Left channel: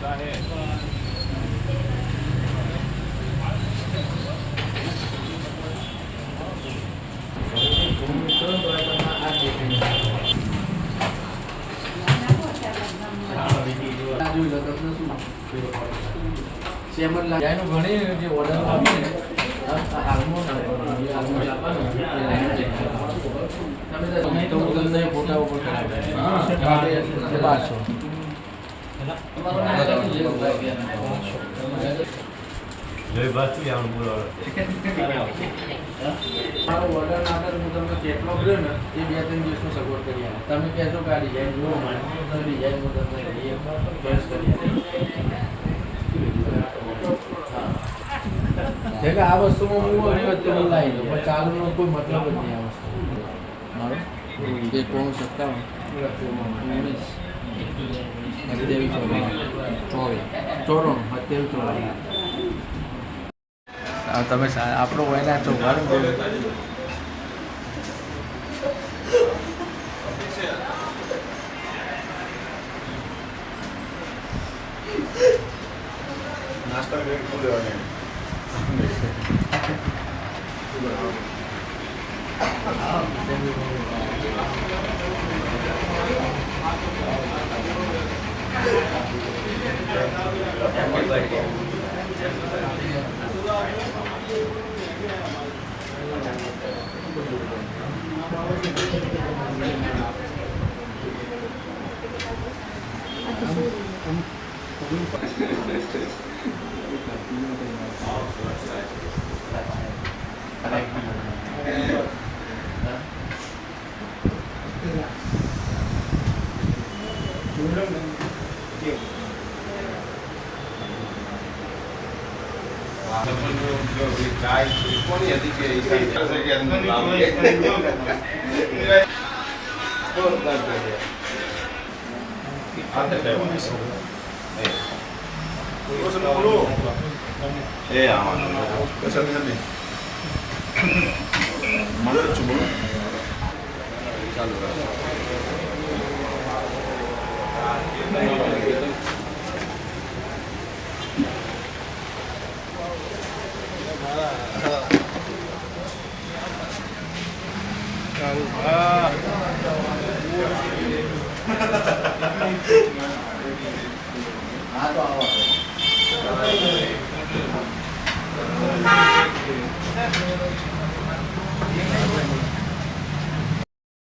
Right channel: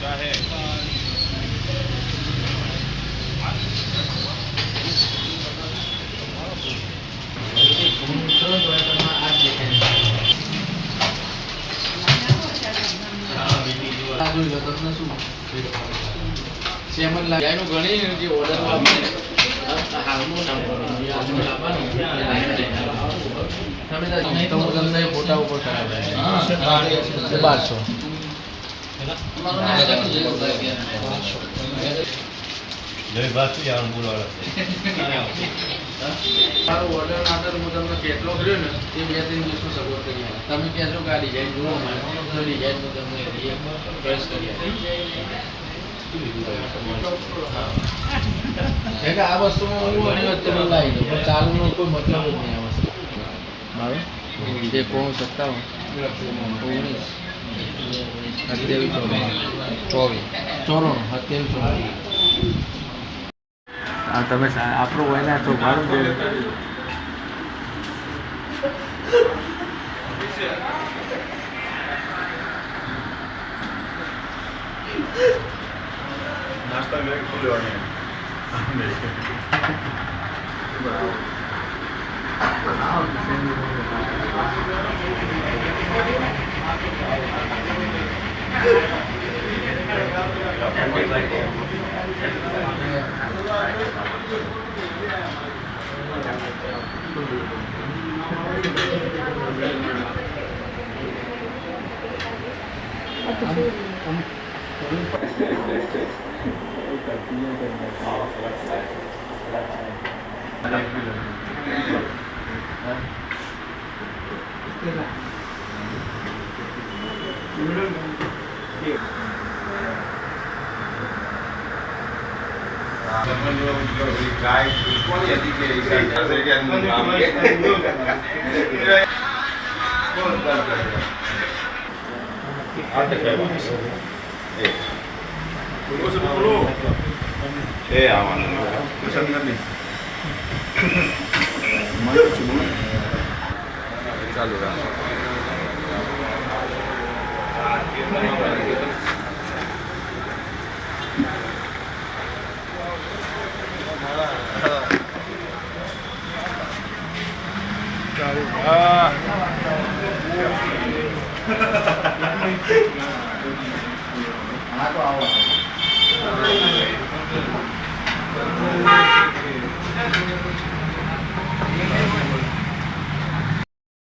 चाहे ફોટા ઉપર જય બાસુ યાર બોલાવે ઓર્ડર નાટર હું તમને કેટલો કર્યો ને એ 2-3 દિવસમાં સગવડ કરી આપું. તમે કહેશો કે આ ડિઝાઇન જુઓ મારે તો ડિઝાઇન હું તમને ચોઈસ કરી આપીશ. આ વસ્તુમાં ઘણી વખતે બોલાવી દો પણ ચાલુનો કોઈ મતલબ જ નહીં આ વસ્તુ. બરાબર 19 તમે આપણો વયના છો ભાડું છે. नाश्ता में खुले वाले गाय कौन यदि के इसे कौन कर रहा आते क्या बात है वो सब बोलो ए आवाज कुछ नहीं मार चुनो चालू रहा हाँ तो आओ